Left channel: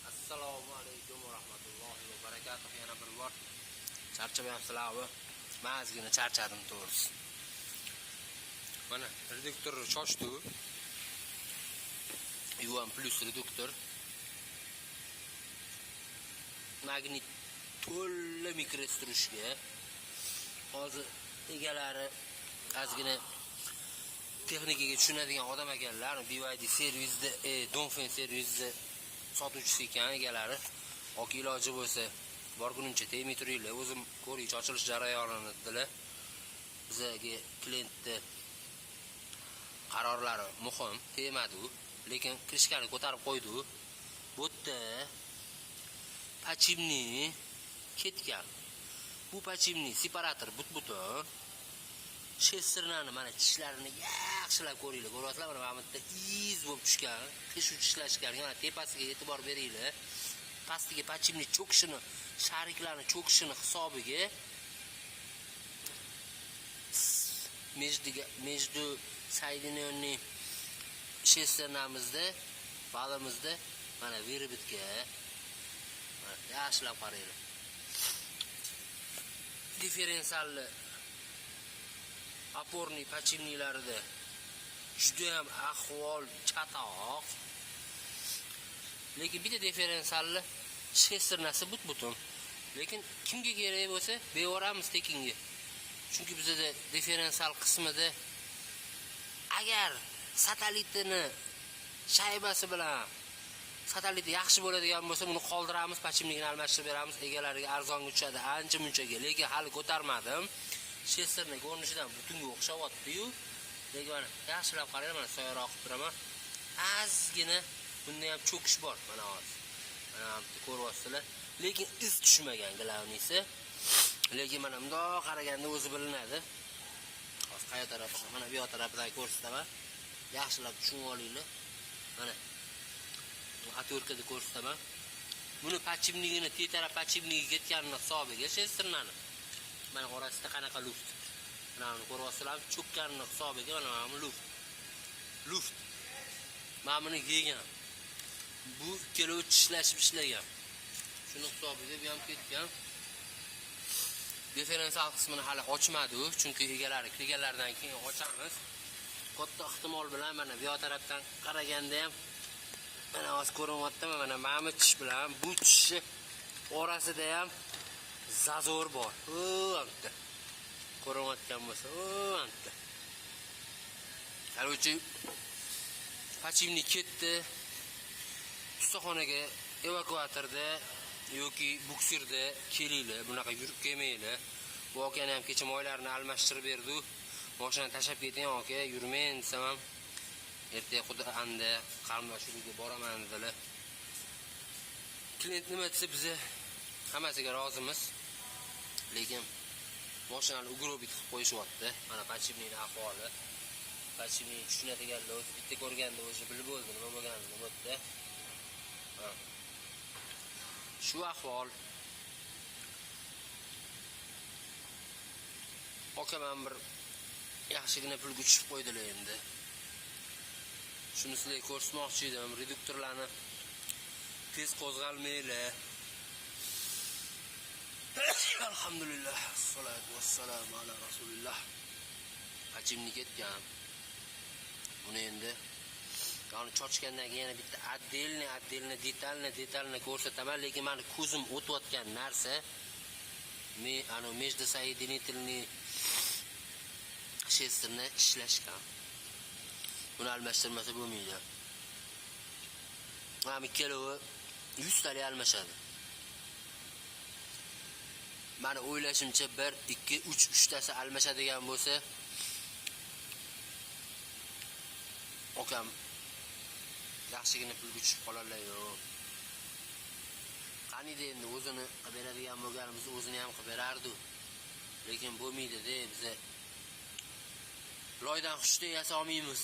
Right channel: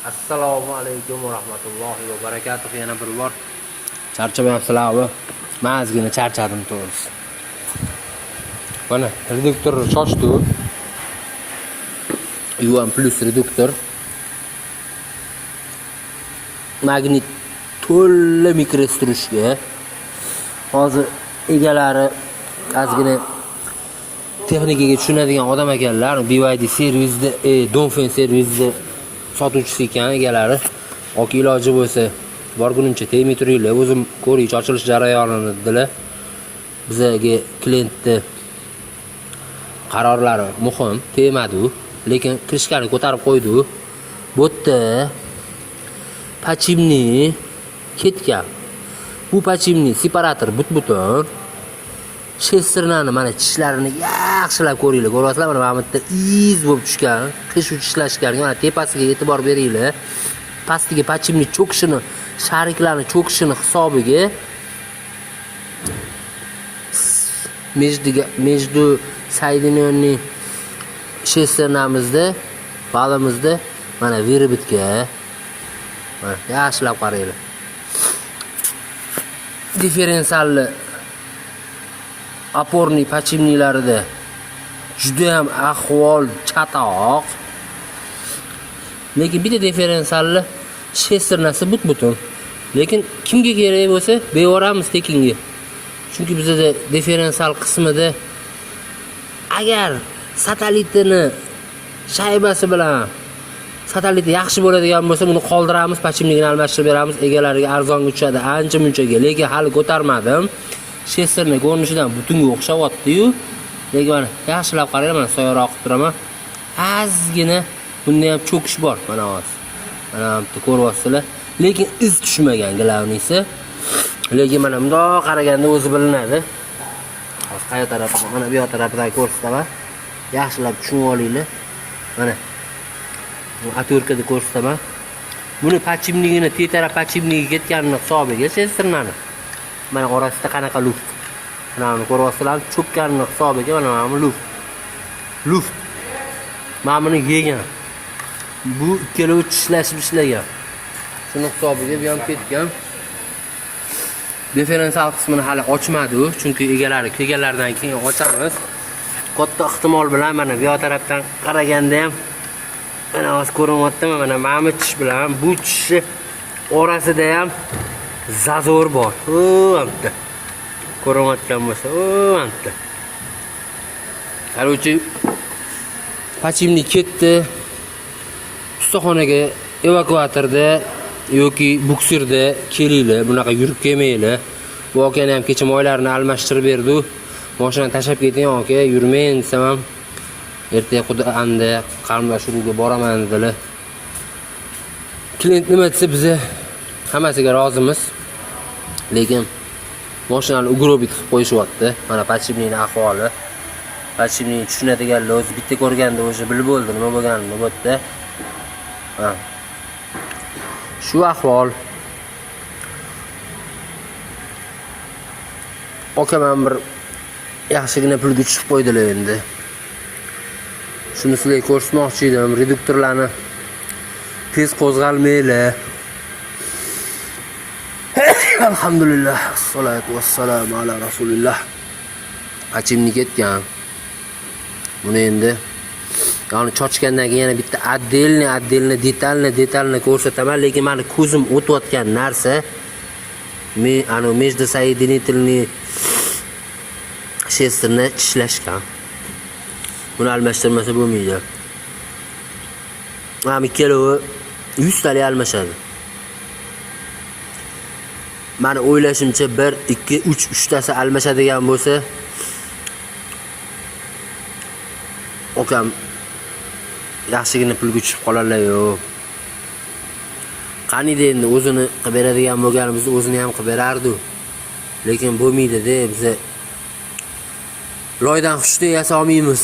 Assalomu alaykum va rahmatullohi va barakatuh. Yana bir bor charchamayapsizlarmi? Men ozgina charchadim to'g'risi. Mana reduktor shoshdi. U1 Plus reduktor. Magnit to'la mikrostrushga. Hozir egalari ozgina texnikaga tushunadigan odam ekanlar. BYD servisda, Donfen servisda sotuvchisi ekan egalari. Yoki iloji bo'lsa borgunimcha tegmay turinglar. O'zim ko'raychi ochilish jarayonini dedilar. Bizga klientni qarorlari muhim, tegmadi, lekin krishkani ko'tarib qo'ydi. Bu yerda pachimni ketgan. Bu pachimni separator but-butun. Shesternani mana tishlarini yaxshilab ko'ringlar. Ko'ryapsizlar, mana bu yerda iz bo'lib tushgan, qish uchishlashgan. Mana tepasiga e'tibor beringlar. Pastiga pachimni cho'kishini, shariklarni cho'kishini hisobiga между соединенный shesternamizda, balamizda mana viribitga mana yaxshilab qaranglar. Differensialli oporniy pachimnilarida juda ham ahvol chatoq. Lekin bitta differensialli shesternasi but-butun. Lekin kimga kerak bo'lsa, bevoramiz tekinga. Chunki bizda differensial qismida agar satelitini shaybasi bilan sateliti yaxshi bo'ladigan bo'lsa, buni qoldiramiz, pachimligini almashtirib beramiz, egalariga arzonga tushadi, ancha-munchaga. Lekin hali ko'tarmadim. Shesterni ko'rinishidan butunga o'xshayapti-yu. Lekin mana yaxshilab qaranglar, mana soyaroq qilib turaman. Ozgina bunda ham cho'kish bor, mana hozir. Mana bu ko'ryapsizlar. Lekin iz tushmagan glavnisi. Lekin mana bundoq qaraganda o'zi bilinadi. Hozir qayoq tarafdan, mana bu yoq tarafdan ko'rsataman. Yaxshilab tushunib olinglar. Mana bu atorkada ko'rsataman. Buni pachimligini, tetara pachimligi ketganini hisobiga shesternani. Mana orasida qanaqa luft. Mana buni ko'ryapsizlar, cho'kkanini hisobiga mana bu luft. Luft. Mana buni yegan. Bu ikkalovi tishlashib ishlagan. Shuni hisobiga bu ham ketgan. Differensial qismini hali ochmadi, chunki egalari kelganlardan keyin ochamiz. Katta ehtimol bilan mana bu tarafdan qaraganda ham mana hozir ko'ryaptimi, mana tish bilan bu tish orasida ham zazor bor. O'ntda. Ko'ryapgan bo'lsa, o'ntda. Qarochi pachimni ketdi. Ustaxonaga evakuatorda yoki buksirda kelinglar, bunaqa yurib kelmanglar. Bu akani ham kecha moylarini almashtirib berdi. Mashinani tashab keting aka, yurmang desam ham ertaga xudo anda qarindoshlarga boraman dedilar. Klient nima desa biz hammasiga rozimiz. Lekin mashinani ugrobit qilib qo'yishyapti. Mana pachimning ahvoli. Pachimning tushunadiganlar o'zi bitta ko'rganda o'sha bilib bo'ldi nima bo'lganini bu yerda. Ha. Shu ahvol. Okaman bir yaxshigina pulga tushib qo'ydilar endi. Shuni sizlarga ko'rsatmoqchi edim. Reduktorlarni tez qo'zg'almaylar. Alhamdulillah, assolatu vassalamu ala rasulillah. Pachimni ketgan. Buni endi yani chochgandan keyin yana bitta отдельный detalni ko'rsataman, lekin meni ko'zim o'tayotgan narsa между соединительный shesterni tishlashgan. Buni almashtirmasa bo'lmaydi. Mana ikkalovi 100 talik almashadi. Meni o'ylashimcha 1, 2, 3 tasi almashadigan bo'lsa, okam yaxshigina pulga tushib qolarlar-yu. Qanida endi o'zini qilib beradigan bo'lganimizda o'zini ham qilib berardi. Lekin bo'lmaydi-da, biz loydan xushda yasa olmaymiz.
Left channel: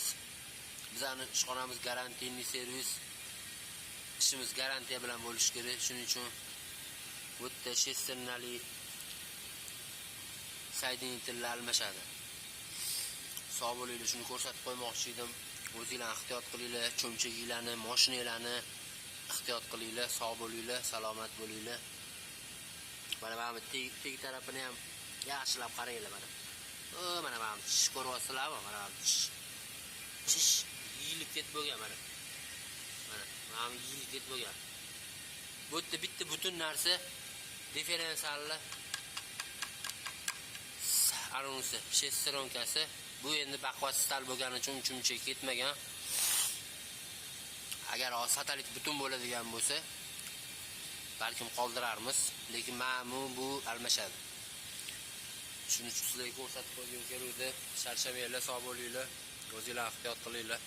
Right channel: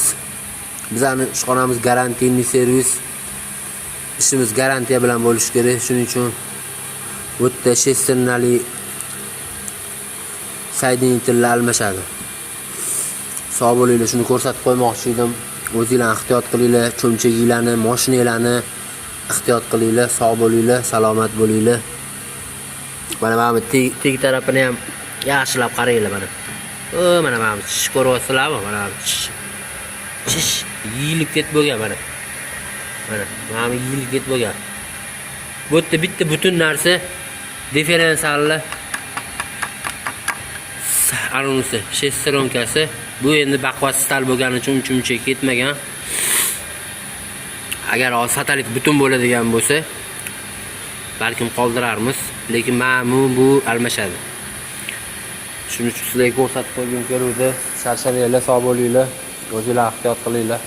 Bizning ishxonamiz garantiyli servis. Ishimiz garantiya bilan bo'lishi kerak. Shuning uchun bu yerda shesternali soedinительlar almashadi. Sog' bo'linglar, shuni ko'rsatib qo'ymoqchi edim. O'zingizlar ehtiyot qilinglar, cho'mchaginglarni, mashinalarni ehtiyot qilinglar, sog' bo'linglar, salomat bo'linglar. Mana bu teg tarafini ham yaxshilab qaranglar mana. Mana bu tish ko'ryapsizlarmi? Mana bu tish yeyilib ketib bo'lgan mana. Mana yeyilib ketib bo'lgan. Bu yerda bitta butun narsa differensiallar anonsi, shestronkasi. Bu endi baquvvat stal bo'lgani uchun uncha ketmagan. Agar satalit butun bo'ladigan bo'lsa, balkim qoldirarmiz, lekin bu almashadi. Shuning uchun sizlarga ko'rsatib qo'ygim keluvdi. Charchamanglar, sog' bo'linglar, o'zingizlar ehtiyot qilinglar.